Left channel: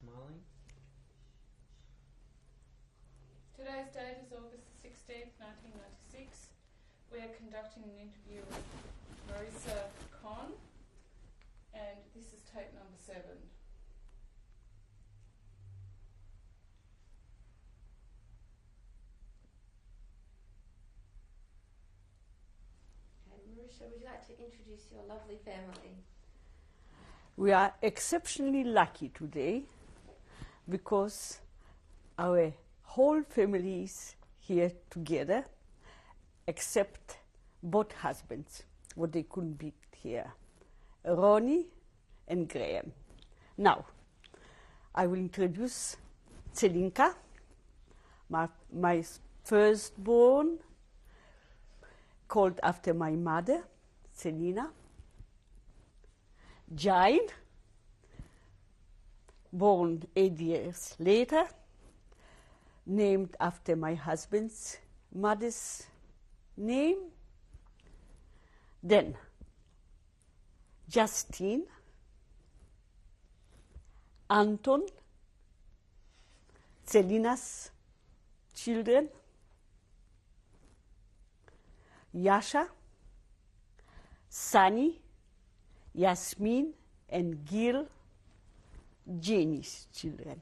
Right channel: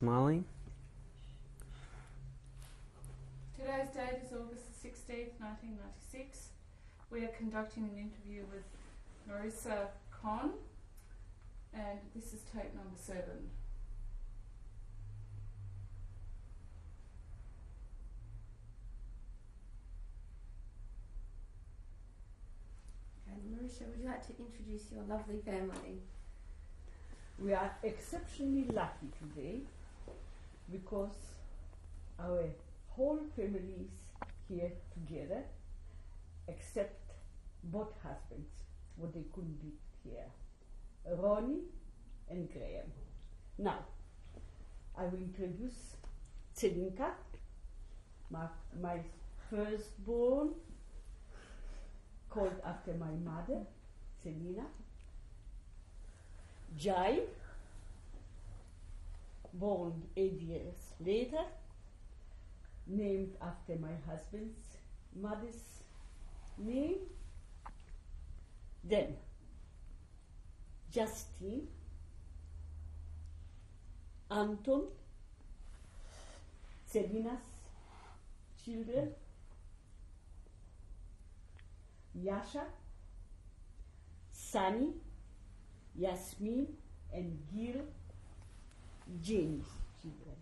Molly? Today's date is August the 16th, 1996. We are conducting an interview with Marysia Kohn, and this is tape number 7. Okay, Marysia, would you like to introduce your lovely family? We are exceptionally lucky today because our whole family is here together, except both husbands, what they couldn't be here, Ronnie and Graham. Now, I will introduce Celinka, my firstborn, called after my mother, Celina. Jain, born 8 years later, named after my husband's mother's name. Then Justine, Anton, Celina's children, Yasha, Sunny, Yasmin and Gil, Jenny's children.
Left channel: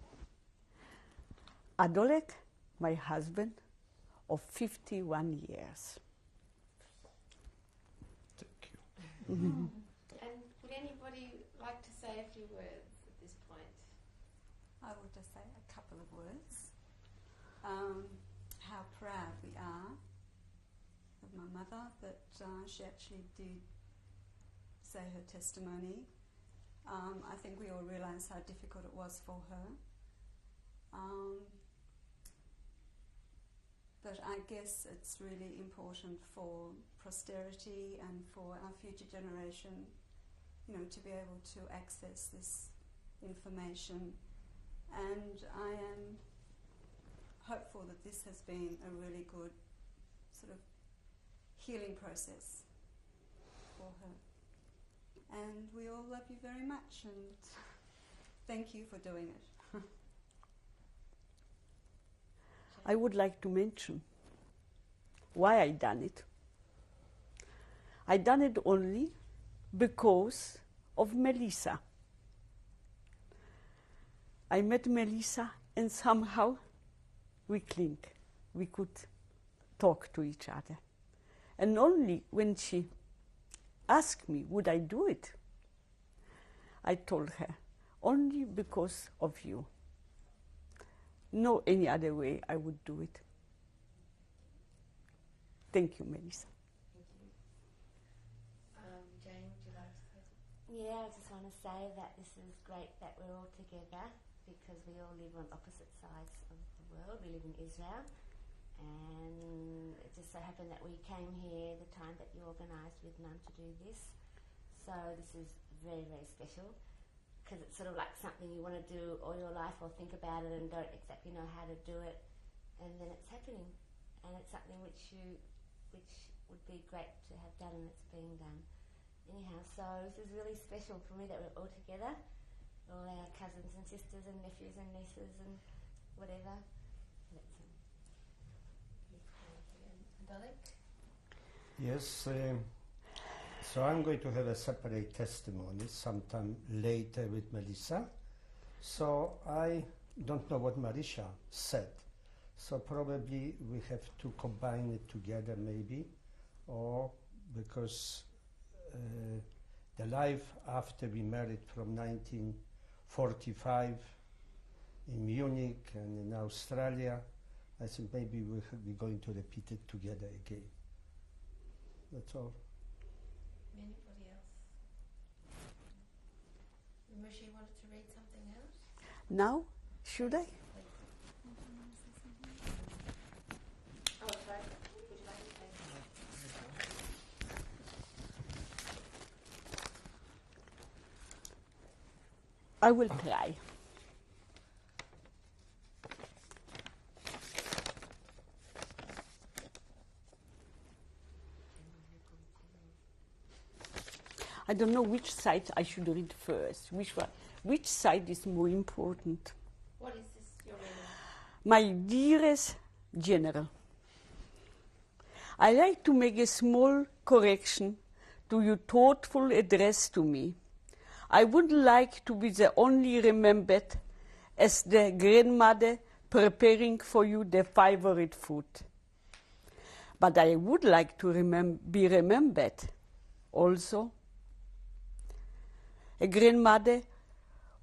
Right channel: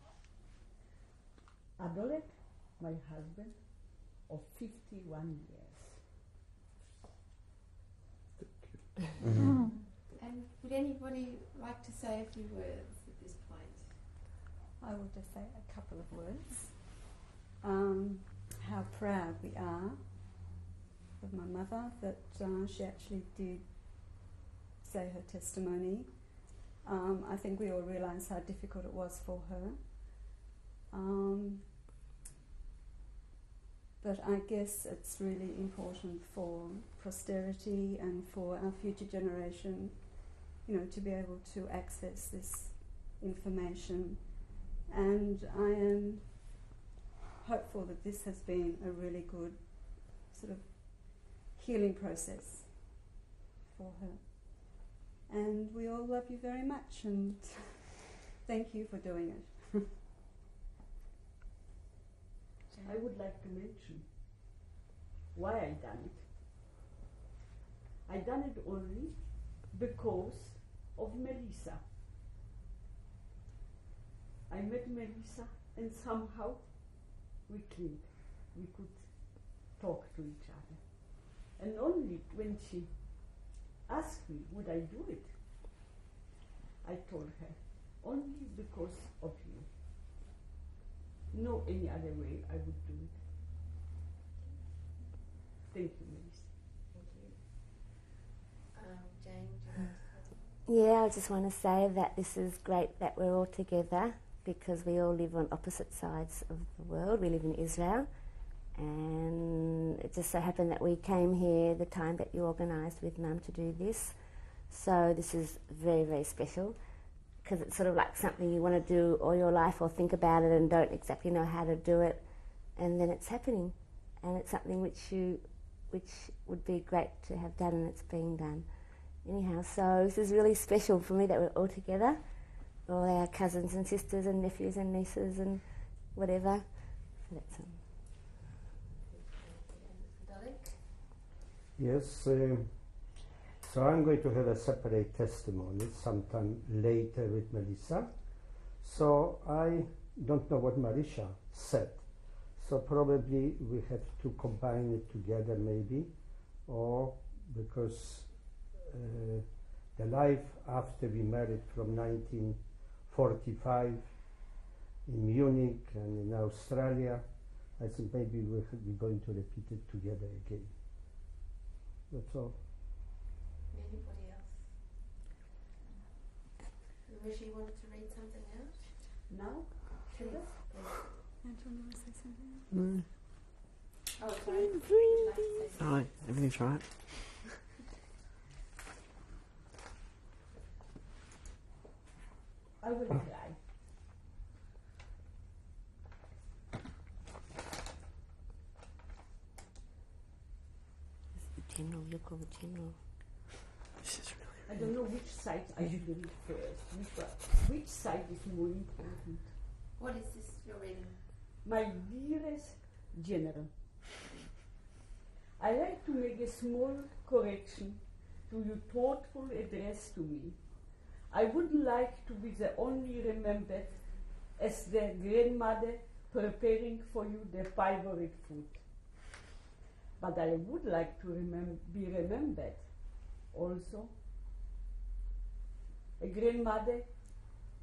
Adolet, my husband, of 51 years. Thank you. And would anybody like to say a few words at this point? I will just say a couple of words. How proud we are of my mother that she actually did say her testimony. I think we all realise how difficult it was for her. But I guess it's really important for posterity and for our future generation, to be able to access this information. And I am hopeful that this has been a really good sort of healing process for her. And we all love you very much, and thank you for doing it. I would like to mention why I done it. I done it only because of Melissa. I met Melissa and somehow we clinked. We could talk to each other. And only when she asked me, would I do it? I told her, only because of you. No any other way I would do it. Thank you, Melissa. Jane, would you like to say? Yeah, I just want to say that this is great that we're all together because we all live on opposite sides of the world. We live in Israel, and it just so happened that we came here the time that you organised with Mum to do this. So this is very, very special because it's sort of like something you want to do all your life or think about it and don't exactly know how to do it, and then it's happening, and it's something which would be great to have done, and it's being done. Anyhow, so this is really special for me that we're all together, all our cousins and sisters and nephews and nieces and whatever. So that's Yes, so I'm going to have a separate testimony sometime later with Melissa. So I don't know what Marysia said. So probably we have to combine it together maybe, or because the life after we married from 1945 in Munich and in Australia, I think maybe we're going to repeat it together again. That's all. Anybody else? Marysia wanted to read something else? Now, should I? Oh, sorry. Alright, everything's right. I will try. general, you call it general. I don't know which side I should read first. Which side is more important? What is this you're reading? My dearest General, I like to make a small correction to your thoughtful address to me. I would like to be the only remembered as the grandmother preparing for you the favorite food. But I would like to be remembered also a grandmother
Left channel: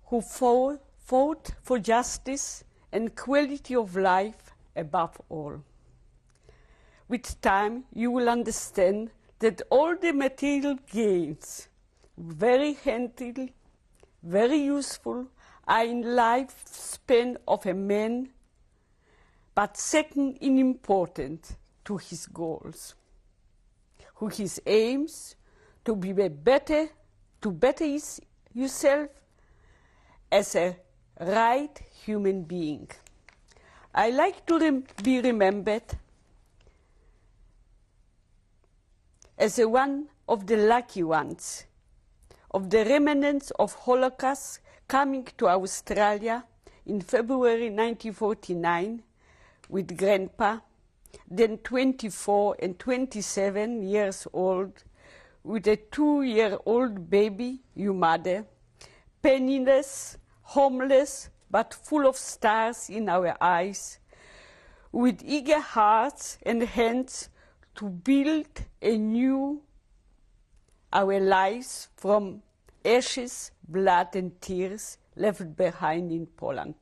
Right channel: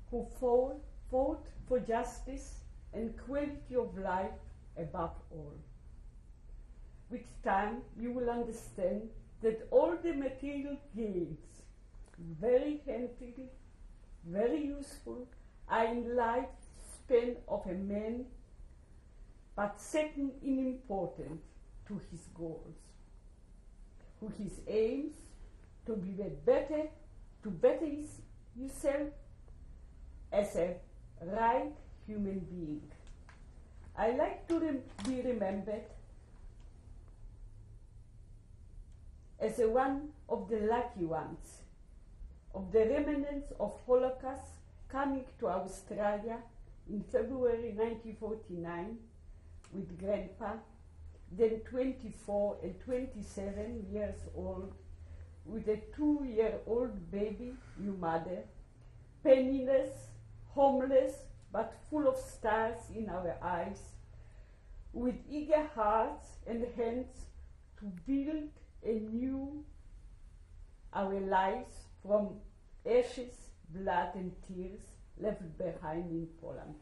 who fought for justice and quality of life above all. With time, you will understand that all the material gains, very handy, very useful, are in lifespan of a man, but second in importance to his goals, who his aims to be better, to better yourself as a right human being. I like to be remembered as one of the lucky ones, of the remnants of Holocaust coming to Australia in February 1949 with Grandpa, then 24 and 27 years old, with a 2-year-old baby, your mother, penniless, homeless, but full of stars in our eyes, with eager hearts and hands to build anew our lives from ashes, blood, and tears left behind in Poland.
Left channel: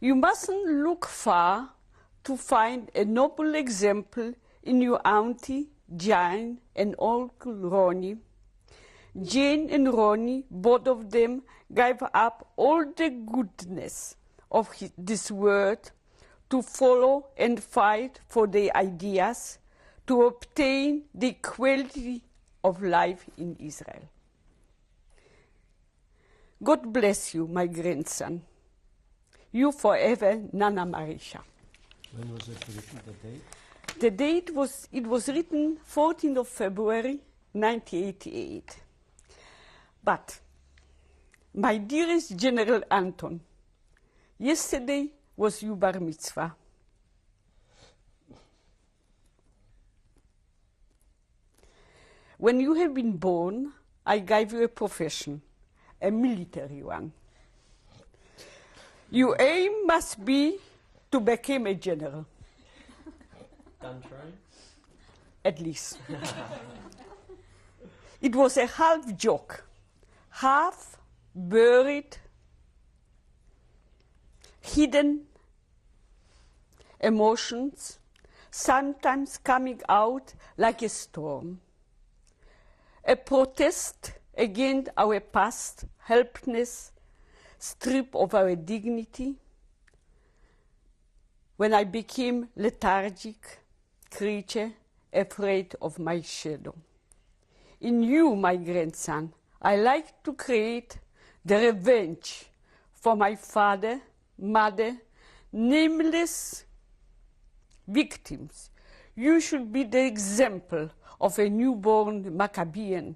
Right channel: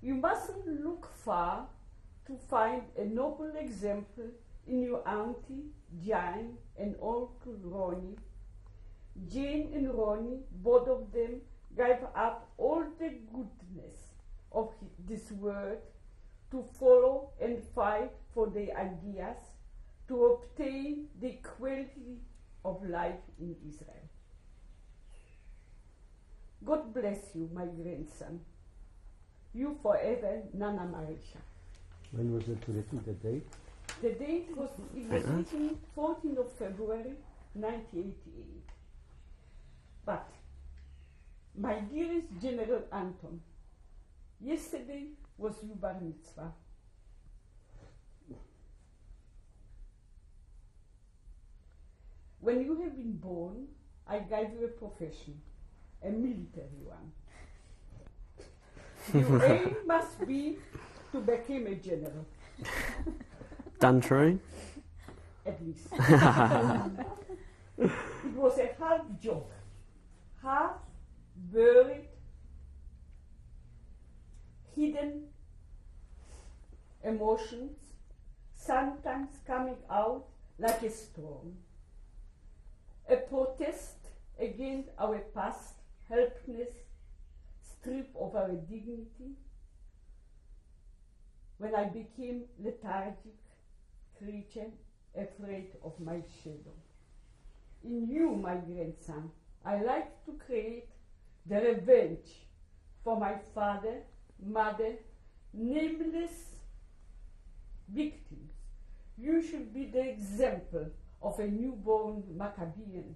You mustn't look far to find a noble example in your auntie Jane and Uncle Ronnie. Jane and Ronnie, both of them, gave up all the goodness of this world to follow and fight for their ideas to obtain the quality of life in Israel. God bless you, my grandson. You forever, Nana Marysia. When was it written, the date? The date was written 14th of February, 1988. But, my dearest General Anton, yesterday was your bar mitzvah. When you have been born, I gave you a profession, a military one. Your aim must be to become a general. Done true? At least. It was a half joke, half buried, hidden emotions, sometimes coming out like a storm. A protest against our past helplessness, strip of our dignity. When I became lethargic creature, afraid of my shadow. In you, my grandson, I like to create the revenge for my father, mother, nameless victims. You should be the example of a newborn Maccabean,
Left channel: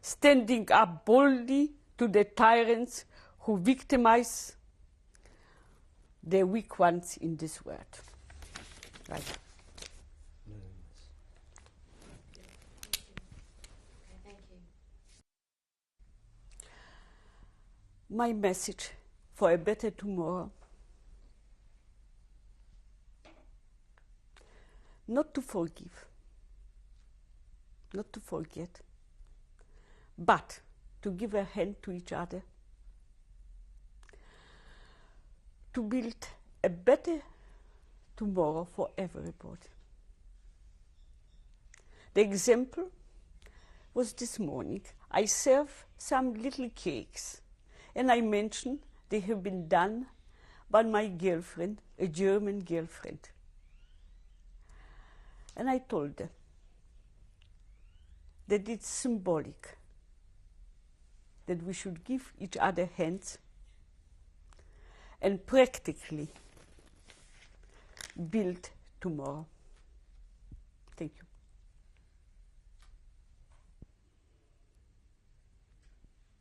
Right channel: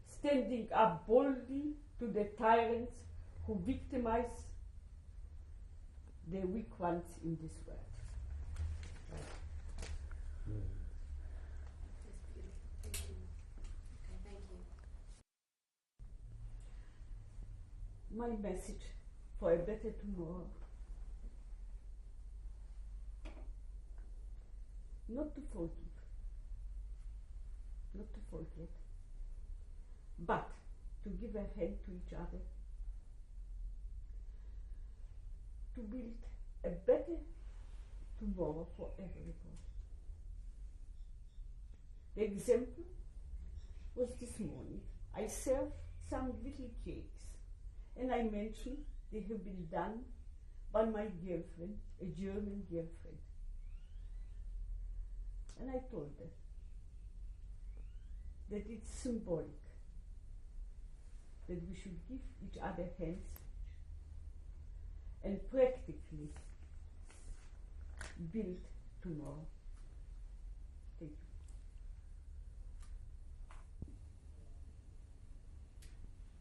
standing up boldly to the tyrants who victimize the weak ones in this world. Right. Thank you. My message for a better tomorrow: not to forgive, not to forget, but to give a hand to each other, to build a better tomorrow for everybody. The example was this morning. I served some little cakes, and I mentioned they have been done by my girlfriend, a German girlfriend. And I told her that it's symbolic, that we should give each other hands and practically build tomorrow. Thank you.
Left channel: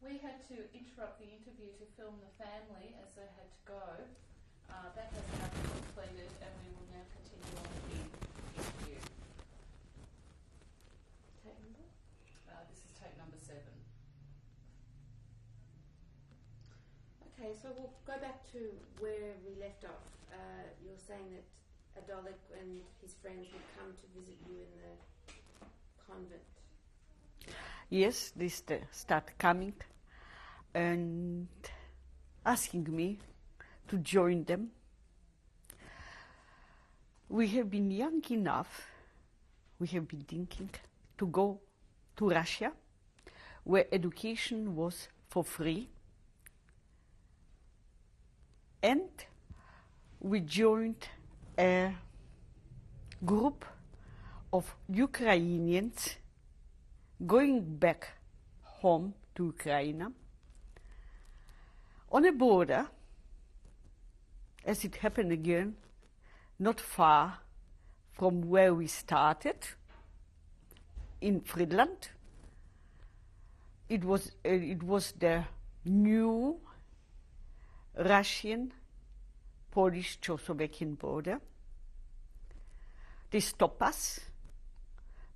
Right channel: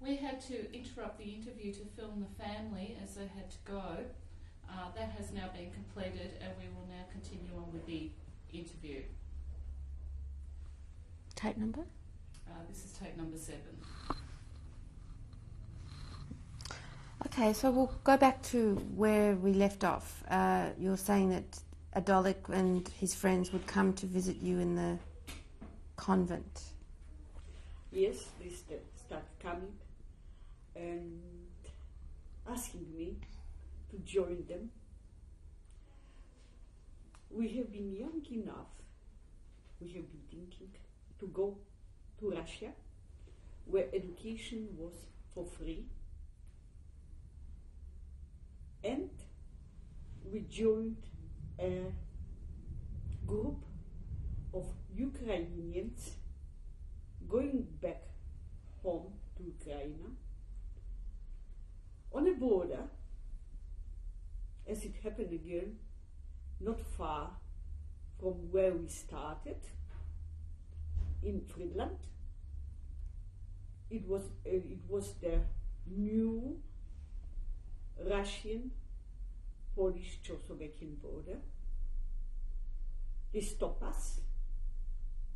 We had to interrupt the interview to film the family as they had to go. That has now been completed, and we will now continue on with the interview. Tape number? This is tape number 7. Okay, so we'll go back to where we left off. You were saying that Adolik and his friends would come to visit you in the convent. Yes, they start coming and asking me to join them. We have been young enough, we have been thinking to go to Russia, where education was for free. And we joined a group of Ukrainians going back home to Ukraine on a border, as it happened again, not far from where we started, in Friedland. It was the new Russian, Polish, Czechoslovakian border. They stop us.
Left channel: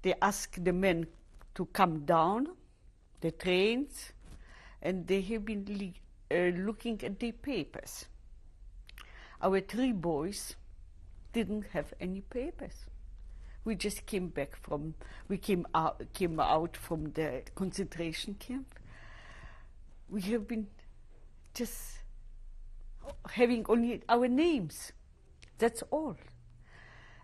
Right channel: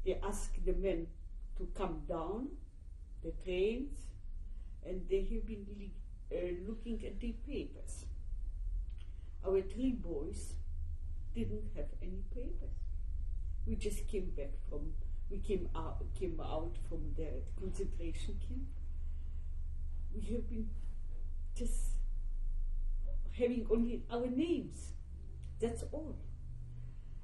They ask the men to come down the trains, and they have been looking at their papers. Our 3 boys didn't have any papers. We just came out from the concentration camp. We have been just having only our names, that's all.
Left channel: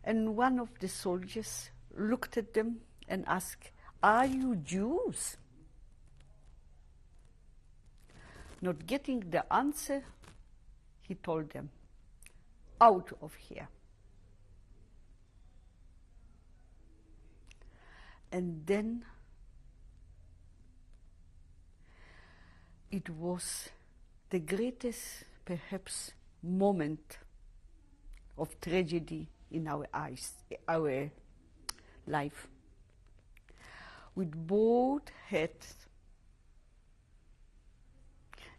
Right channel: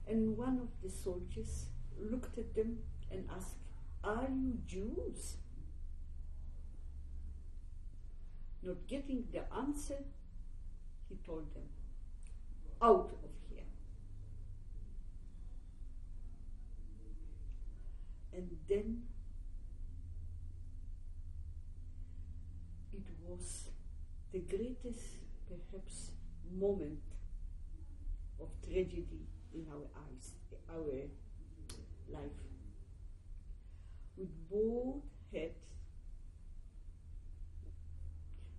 And one of the soldiers looked at them and asked, "Are you Jews?" Not getting the answer, he told them, "Out of here." And then it was the greatest, perhaps, moment of tragedy in our life. With both heads,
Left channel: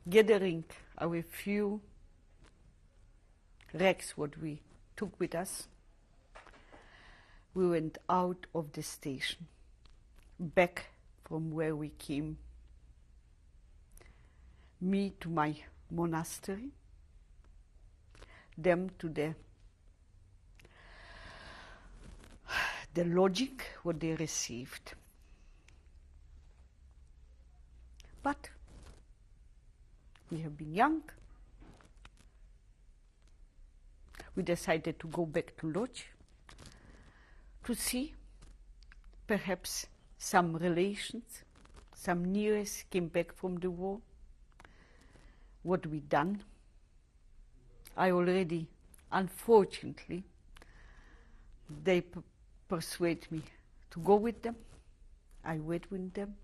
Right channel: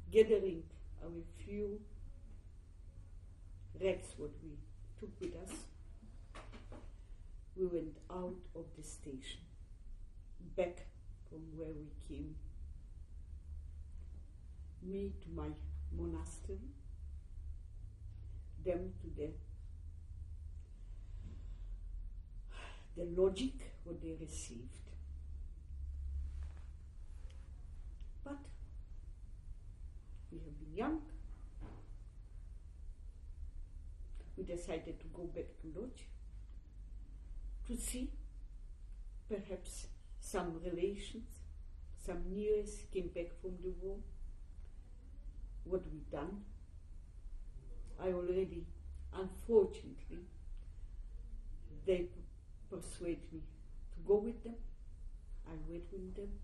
gathering our few rags what we took with us, we went out of the station, back from where we came. Me to my monastery, them to the lodging what they received. But we have been young. We decided to go back to lodge to see perhaps some relations, some nearest came back from the war. What we done? I already, unfortunately, they persuade me to go with them. I went with them.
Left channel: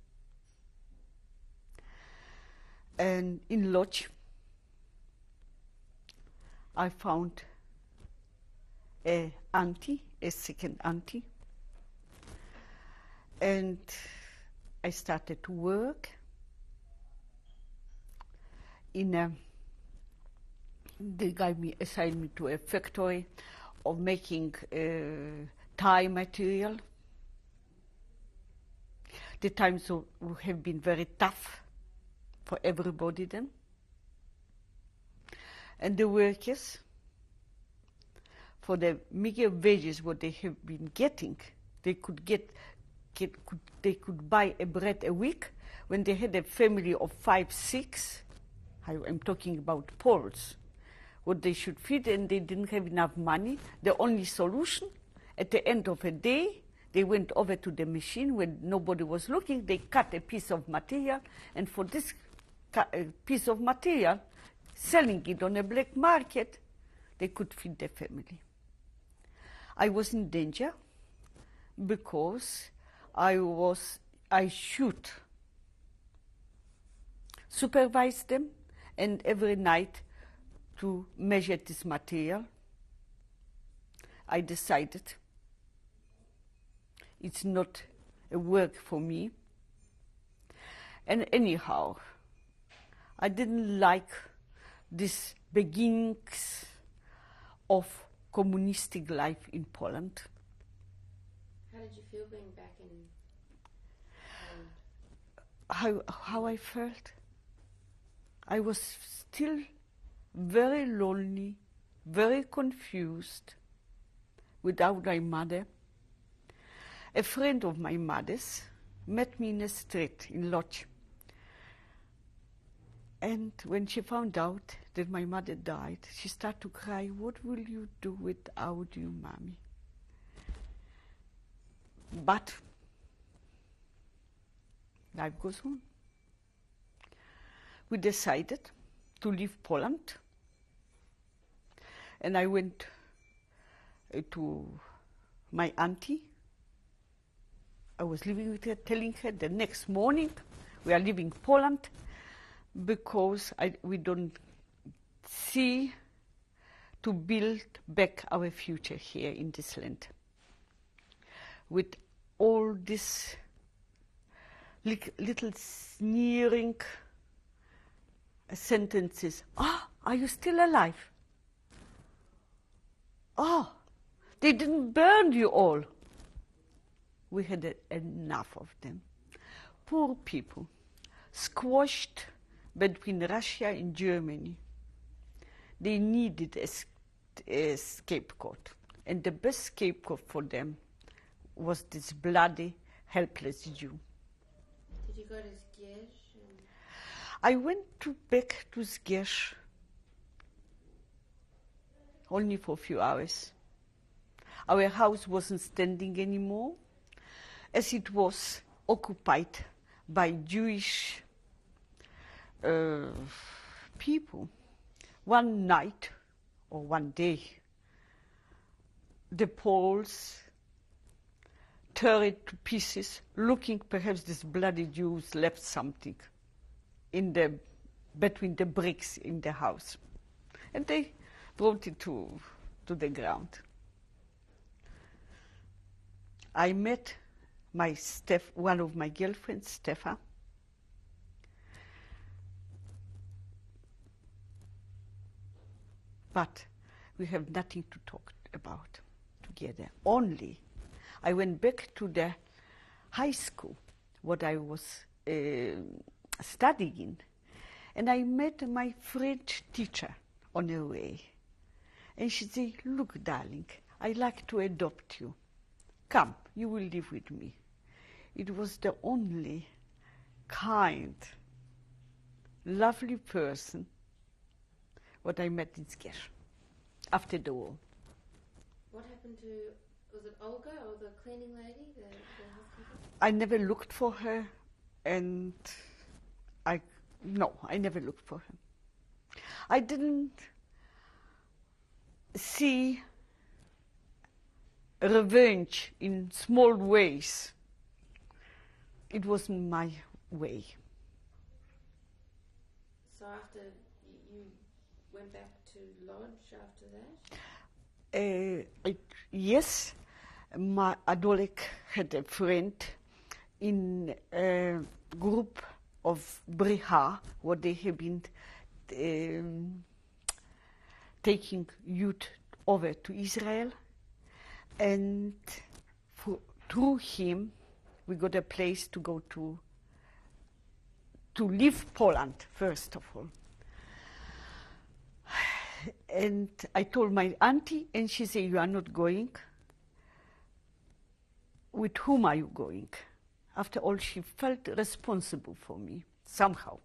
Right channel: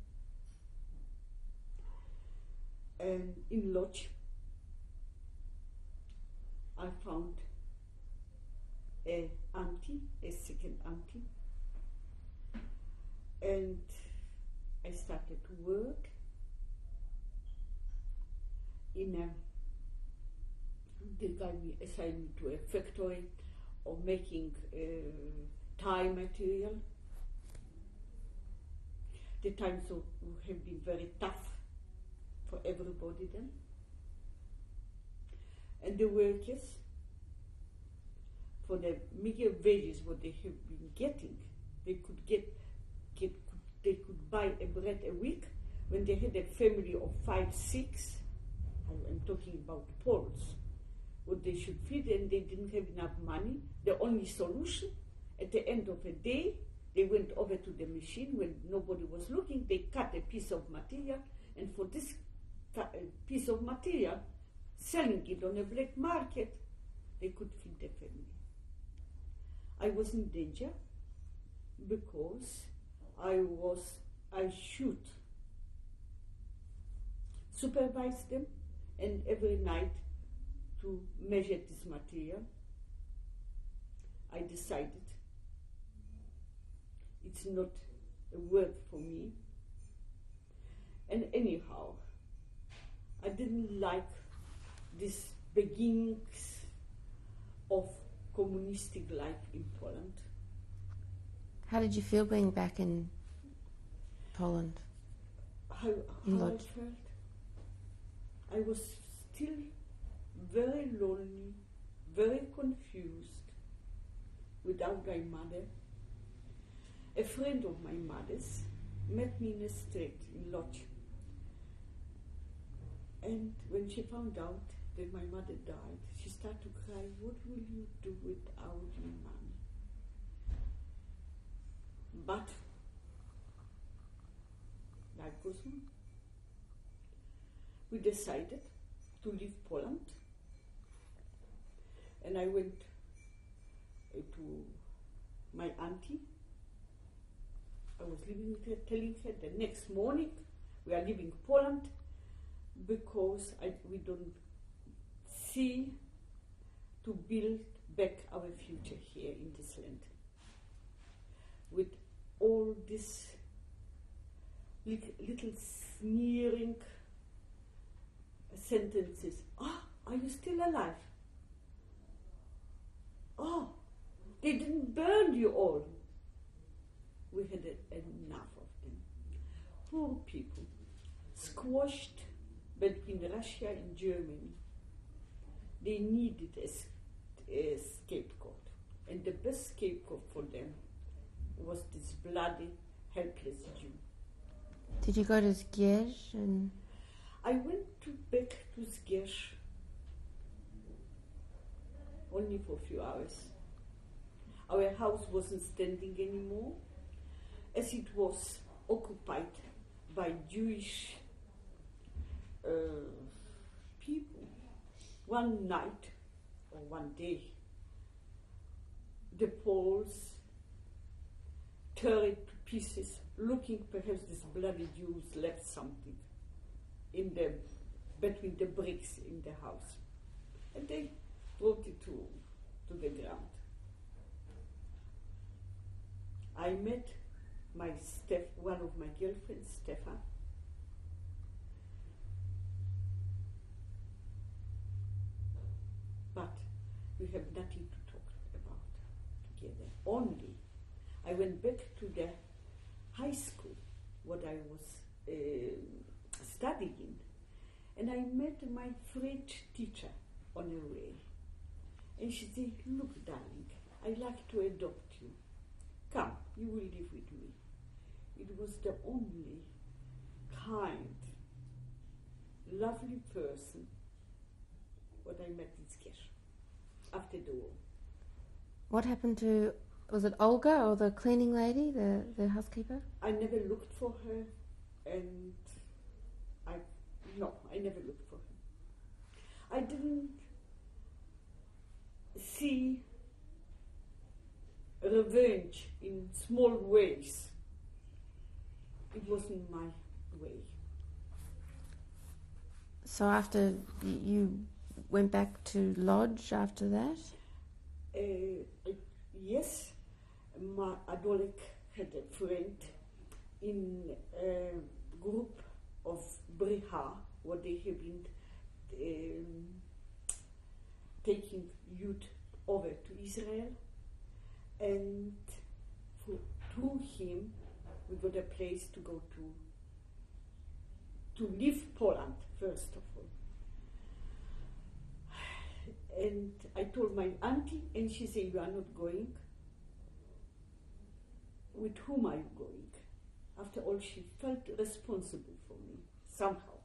And in lodge, I found a second auntie, and I started to work they assigned me to a factory of making tie material. The times have been very tough for everybody then. And the workers, for the meager wages what they have been getting, they could they could buy a bread a week. When they had a family of 5, 6, I'm talking about Poles, what they should feed, and they didn't have enough money. The only solution, at the end of a day, they went over to the machine when nobody was looking, they cut a piece of material, and for this piece of material, selling it on a black market, they could feed their family. I was in danger because I should supervise them, and every night to measure this material. I decided it's not a work for me. And anyhow, I didn't like this beginnings of communistic life in Poland. How did you feel being back in Poland? How I felt? I was still very lonely, very confused, without my mother. A friend of my mother's met me in a street in Lodz. And when she found out that my mother died, she started to cry, "What will you do without you, mommy?" But life goes on. We decided to leave Poland, and I went to my auntie. I was living with her, telling her the next morning we are leaving Poland because we don't see to build back our future here in this land. With all these little sneering sentences. "Ah, are you still alive? Oh, they didn't burn you all." We had enough of them. Poor people, squashed between Russia and Germany. They needed a scapegoat, and the best scapegoat for them was this bloody, helpless Jew. Did you go to Zgierz? And I went back to Zgierz only for a few hours. Our house wasn't standing anymore, as it was occupied by Jewish people. One night, or one day, the Poles tore it to pieces, looking perhaps these bloody Jews left something between the bricks in the house. And they brought it to the ground. I met one of my girlfriends, Stefan. But we have nothing to talk about together. Only I went back to the high school, what I was studying, and I met my French teacher on the way. And she said, "Look, darling, I'd like to adopt you. Come, you will live with me." It was the only kind, lovely person what I met in Zgierz after the war. what happened to, was it Olga or the cleaning lady, the housekeeper? I never looked for her, and I never looked for her. I didn't see revenge in small ways. It wasn't my way. So after you went back to Lodz after that? Yes, my Adolik had a friend in a group of Briha, where they have been taking youth over to Israel, and through him we got a place to go to leave Poland, first of all. And I told my auntie, and she said, "You are not going." With whom are you going? After all, she felt responsible for me, somehow.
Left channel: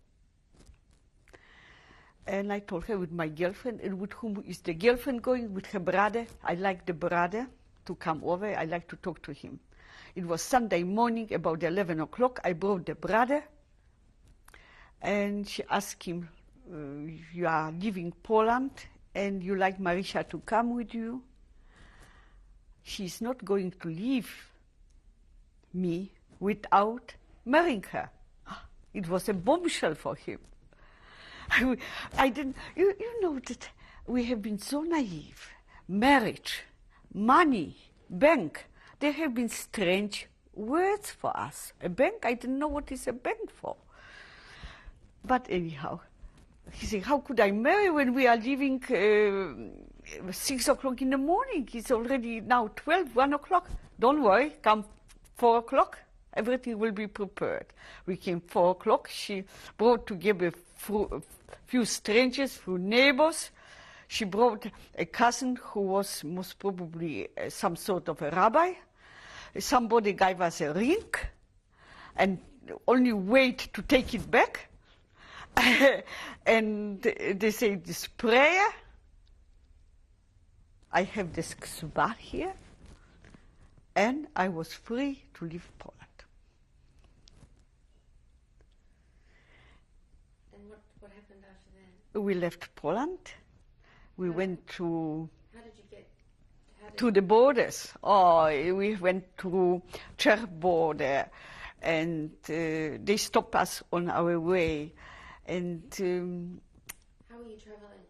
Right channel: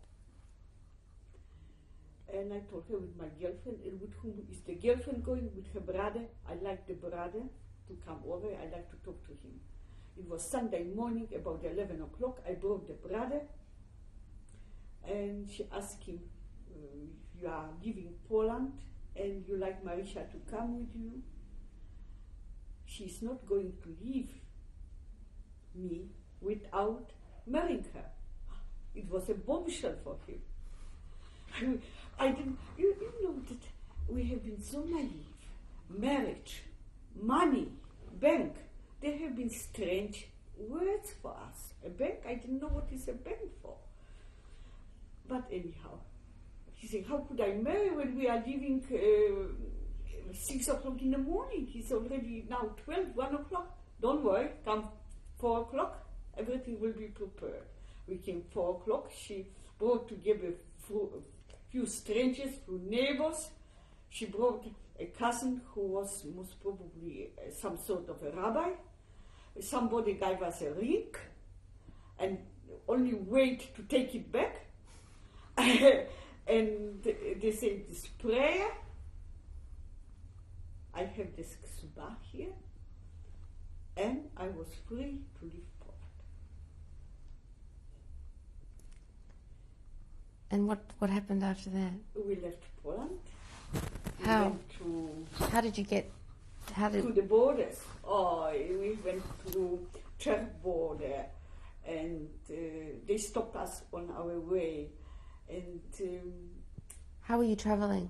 And I told her, with my girlfriend. And with whom is the girlfriend going? With her brother. I like the brother to come over. I like to talk to him. It was Sunday morning, about 11 o'clock. I brought the brother, and she asked him, "You are leaving Poland, and you like Marysia to come with you?" She's not going to leave me without marrying her. It was a bombshell for him. I didn't, you know that we have been so naive. Marriage, money, bank, they have been strange words for us. A bank, I didn't know what is a bank for. But anyhow, he said, how could I marry when we are leaving 6 o'clock in the morning? It's already now 12, 1 o'clock. Don't worry, come 4 o'clock, everything will be prepared. We came 4 o'clock. She brought together a few strangers, few neighbors. She brought a cousin who was most probably some sort of a rabbi. Somebody gave us a ring and only wait to take it back. And they say this prayer. I have this ksubah here, and I was free to leave Poland. And what happened after that? We left Poland. We How? went to How did you get? to the borders. Oh, we went to Czech border, and they stopped us on our way. And How were you traveling?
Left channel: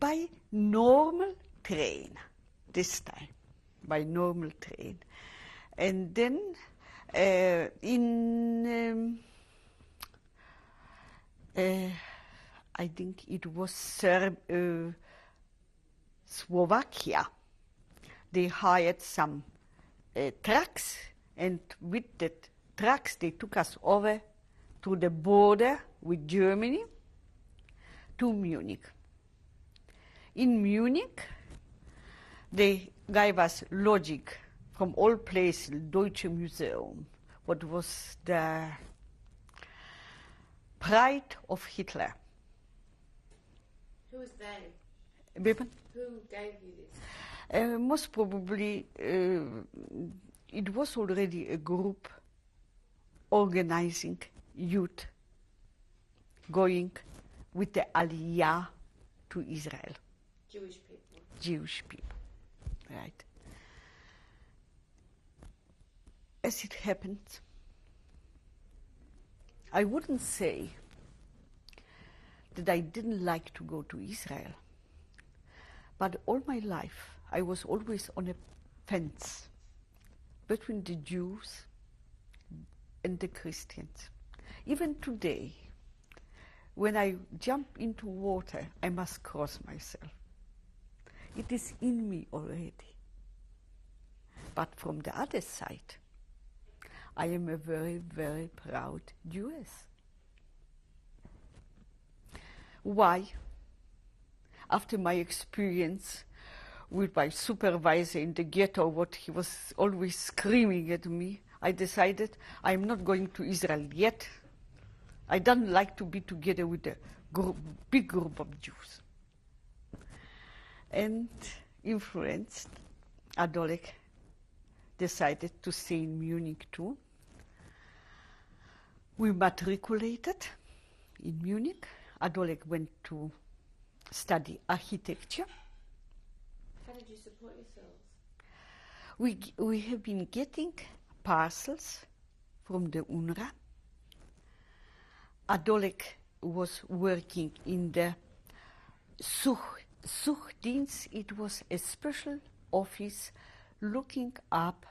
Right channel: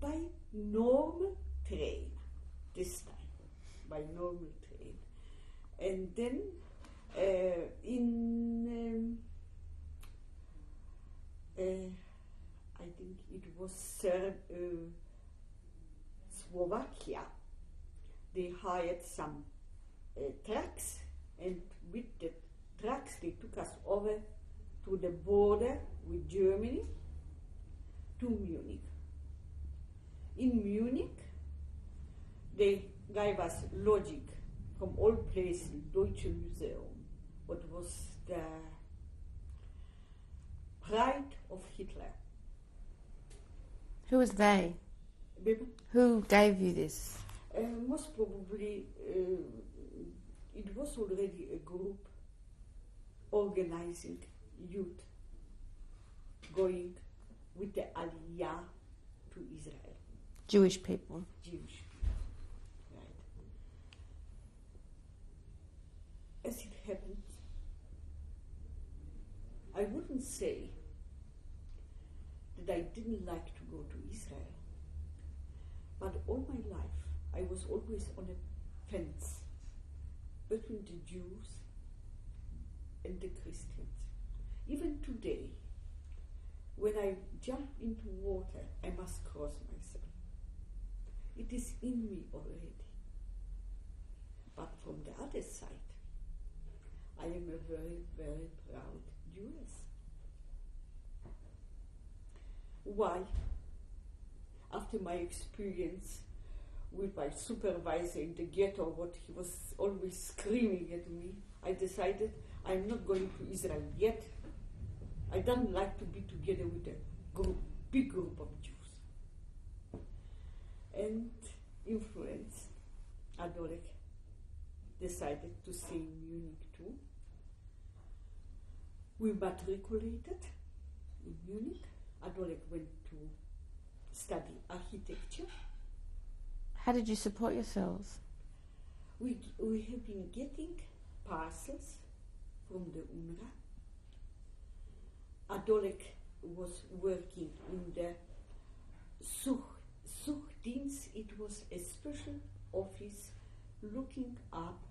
by normal train this time, by normal train. And then I think it was Slovakia. They hired some trucks, and with the trucks they took us over to the border with Germany to Munich. In Munich, they gave us lodging from all places, Deutsche Museum, what was the pride of Hitler. Who was they? Bitte? Who gave you this? Most probably, it was already a group organizing youth going with the Aliyah to Israel. Jewish people. Jewish people, right? As it happened, I wouldn't say that I didn't like to go to Israel, but all my life I was always on a fence between the Jews and the Christians. Even today, when I jump into water, I must cross myself. It is in me already. But from the other side, I am a very, very proud Jewess. Why? After my experience with my supervisor in the ghetto, what he was always screaming at me, I decided I'm not going to Israel yet. I don't like to be together with a big group of Jews. And influenced, Adolek decided to stay in Munich too. We matriculated in Munich. Adolek went to study architecture. How did you support yourselves? We have been getting parcels from the UNRWA. Adolek was working in the Suchdienst. It was a special office looking up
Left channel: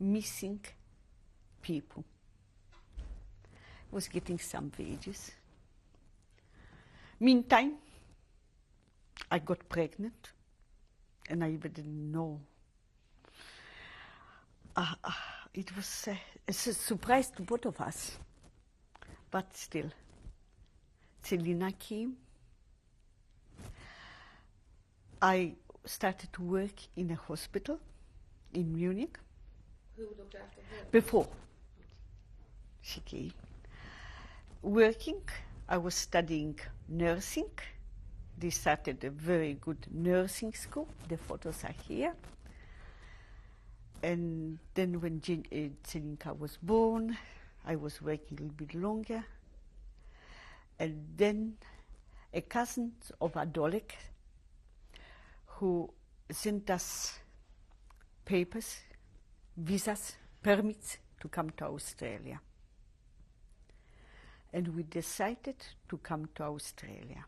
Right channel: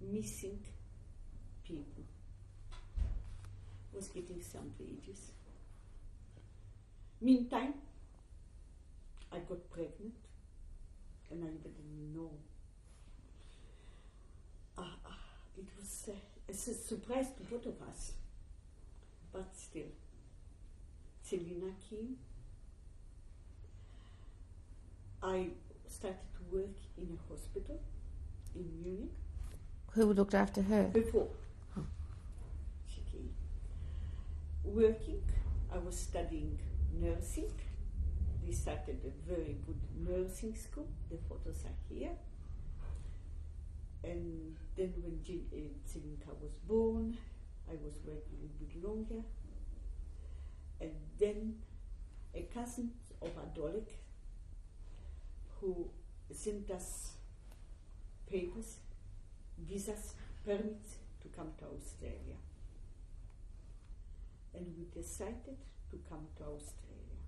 missing people. Was getting some wages. Meantime, I got pregnant, and I even didn't know. It was a surprise to both of us. But still, Selina came. I started to work in a hospital in Munich. Who looked after her? Before she came. Working, I was studying nursing. They started a very good nursing school. The photos are here. And then when Zelinka was born, I was working a little bit longer. And then a cousin of Adolek, who sent us papers, visas, permits to come to Australia. And we decided to come to Australia.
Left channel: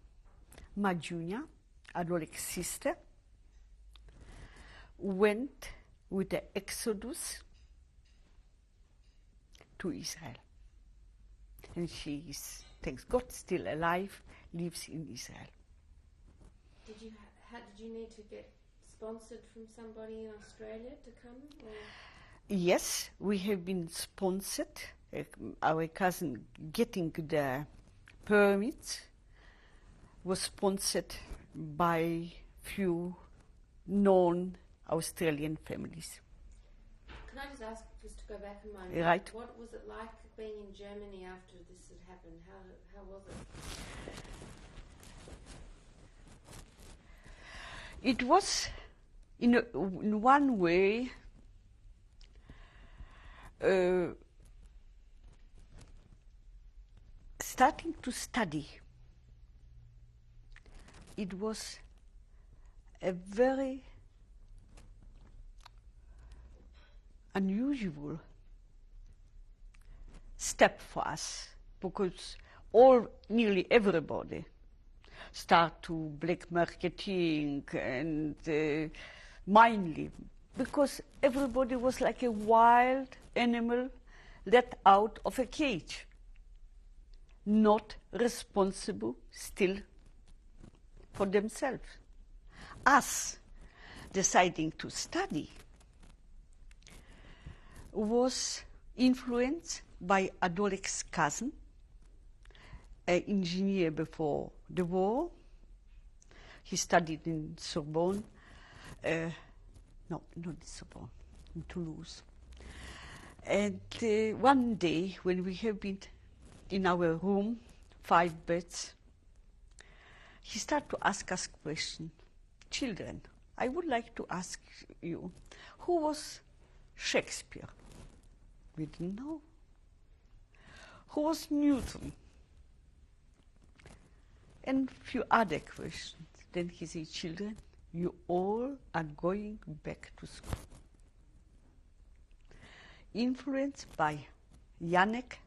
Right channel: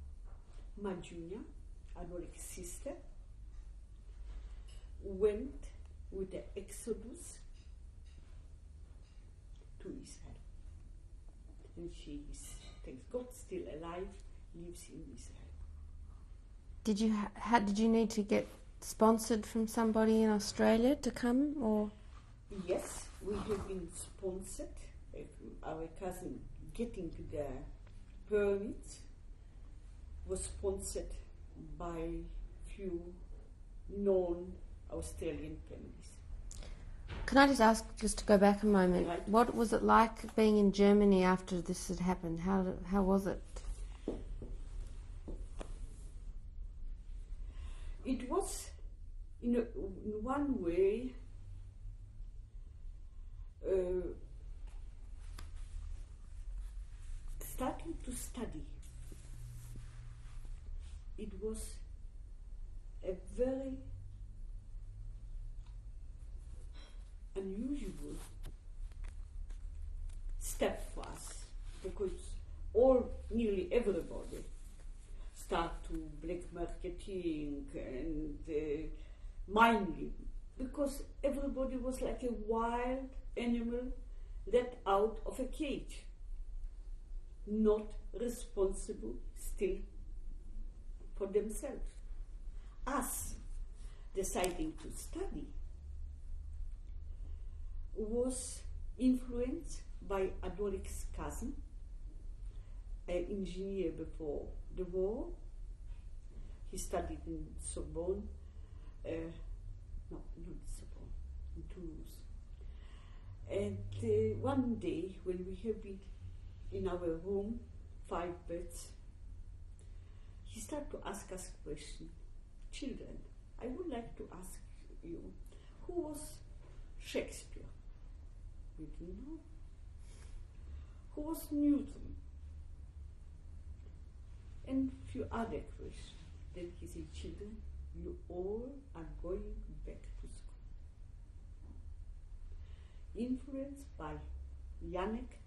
Majunia, Adolek's sister, went with the Exodus to Israel. And she is, thanks God, still alive, lives in Israel. Did you need to get sponsored from somebody in Australia to come, or? Yes, we have been sponsored. Our cousin getting the permit was sponsored by few known Australian families. Can I just ask, just to go back a moment, Right. what was it like being in Germany after this had happened? How was it? It was, in one way, starting to study. It was a very unusual step for us, because nearly everybody start to black marketing and mining, because everybody was like a wild animal let out of a cage, not responsible still for themselves. Us deciding to study was influenced by Adolik's cousin, an engineer before the war. He studied in Sorbonne, no, not in Sorbonne, in Toulouse. And one day, when we have been in our room, 5 beds, he started to ask us questions. Children, I would like to ask you, who was Shakespeare? We didn't know. Who was Newton? And a few other questions. Then he said, children, you all are going back to school. Influenced by Janek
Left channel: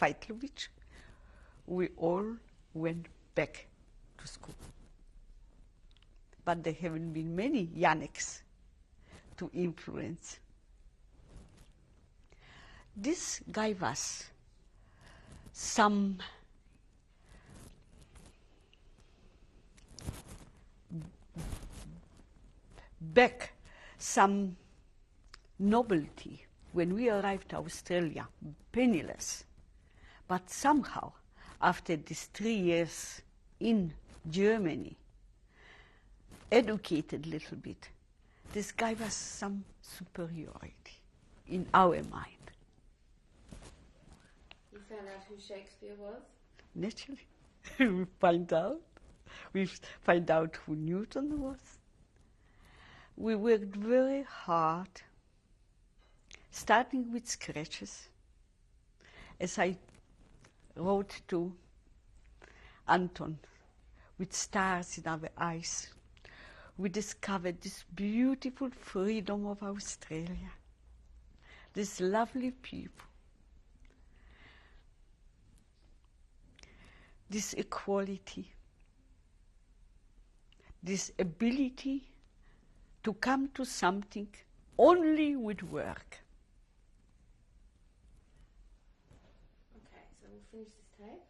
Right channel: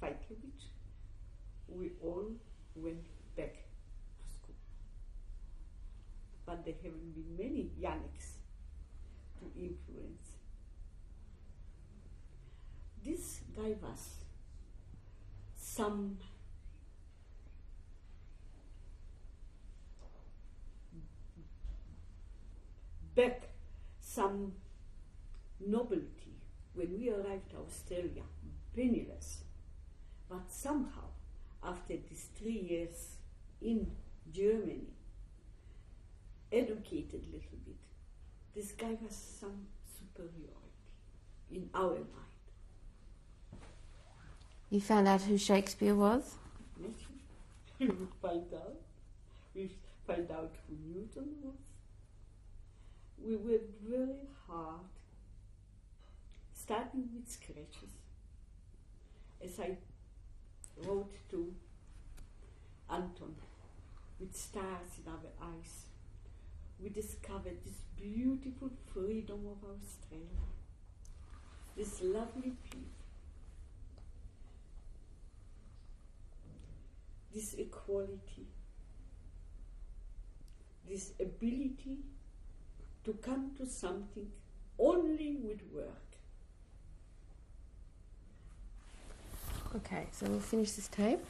Feitlovich, we all went back to school. But there haven't been many Janeks to influence. This gave us some back, some novelty. When we arrived to Australia, penniless, but somehow, after these 3 years in Germany, educated a little bit, this gave us some superiority in our mind. You found out who Shakespeare was? Naturally, we find out. We find out who Newton was. We worked very hard, starting with sketches. As I wrote to Anton, with stars in our eyes, we discovered this beautiful freedom of Australia, these lovely people, this equality, this ability to come to something only with work. Okay, so we'll finish this tape.